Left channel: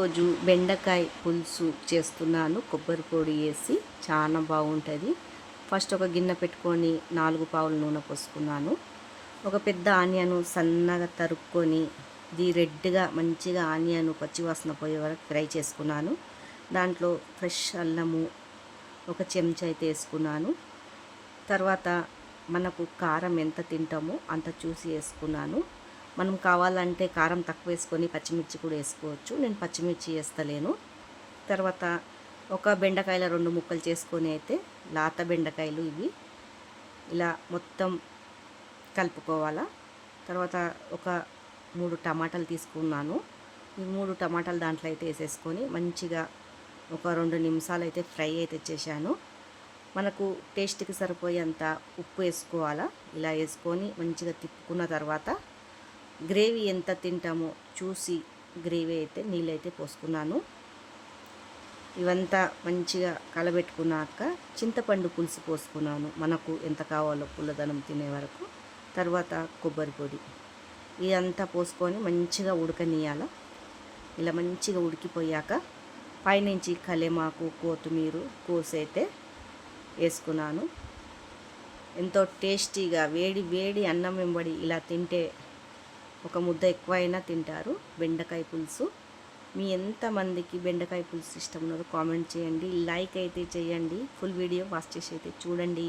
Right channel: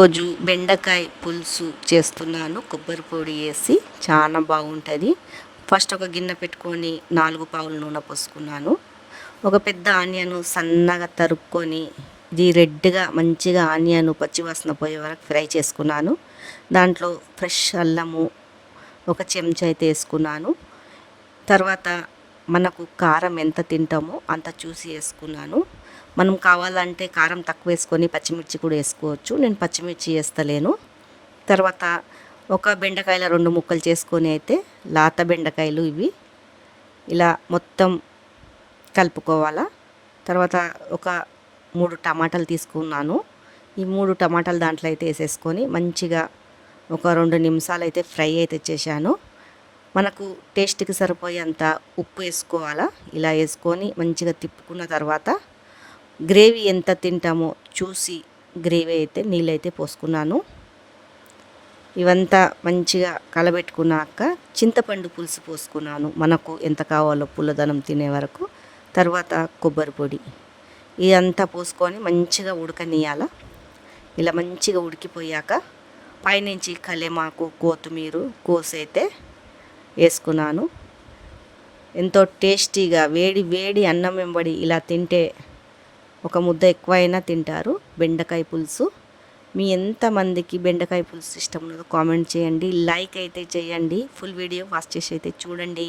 రోజు బెండకాయ పులుసు చేస్తున్నాను. కొబ్బరి పొడి వేసి చాలా బాగుంటుంది. ఫస్ట్ ఒక గిన్నె పెట్టుకొని 4 పావుల నూనె పోసుకున్నాను. ఒక పెద్ద ఆనియన్ సన్నగా తరుక్కొని ఇది రెడ్గా మంచిగా ఆనియన్ పచ్చివాసన పోయే వరకు ఫ్రై చేసుకున్నాను. దాంట్లో ఫ్రెష్ అల్లము ఒక చెంచా అయితే వేసుకున్నాను. తర్వాత మనకు కారం ఎంత తింటామో అంత చూసి వేసుకున్నాను. మనం కావాలంటే కారం తక్కువ వేసుకొని పచ్చిమిర్చి కూడా వేసుకోవచ్చు. నేను పచ్చిమిర్చి వేస్తలేను. తర్వాత ఒక బెండకాయల 2 ముక్కలు చేసుకొని అయితే లేత బెండకాయలు ఇవి ఇలా మొత్తం కలుపుకోవాలా. తర్వాత ఒక 3 టమాటాలు తీసుకున్నాను. ఈ 3 టమాటాలు దాంట్లో అయితే వేసేసుకొని మంచిగా ఒక 2 నిమిషాలు అయితే ఫ్రై అయితే చేశాను. మనకు టేస్ట్కి సరిపోయేంత ఉప్పు వేసుకోవాలా. ఇలా వేసుకొని మంచిగా తిప్పుకున్న తర్వాత గ్రేవీ ఎంత తింటామో చూసి గ్రేవీ అయితే నీళ్ళైతే పోసుకున్నాను. ఇవంతా మంచిగా కలబెట్టుకున్నాక చింతపండు పులుసు పోసుకున్నాను. మనకు ఎంత కావాలో పుల్లదనం తినే వరకు. తర్వాత కొబ్బరి పొడి ఇదంతా పోసుకొని మంచిగా ఉడకనియాల. ఇలా మంచిగా ఉడికిపోయాక పైనుంచి కలేమాకు కొత్తిమీర కోసైతే వేసుకున్నాను. ఎంతో టేస్టీగా వేడి వేడి అన్నం వెంబడి ఇలా తింటే ఒక ముద్ద ఎక్కువైనా తింటారు. బెండకాయ పులుసు మీ ఎంతమందికి బెండకాయ పులుసు ఇష్టం ఉన్నదో కామెంట్ చేయండి. లైక్ అయితే చేయండి. ఫుల్ వీడియో వాచ్ చేసి అయితే చూడండి.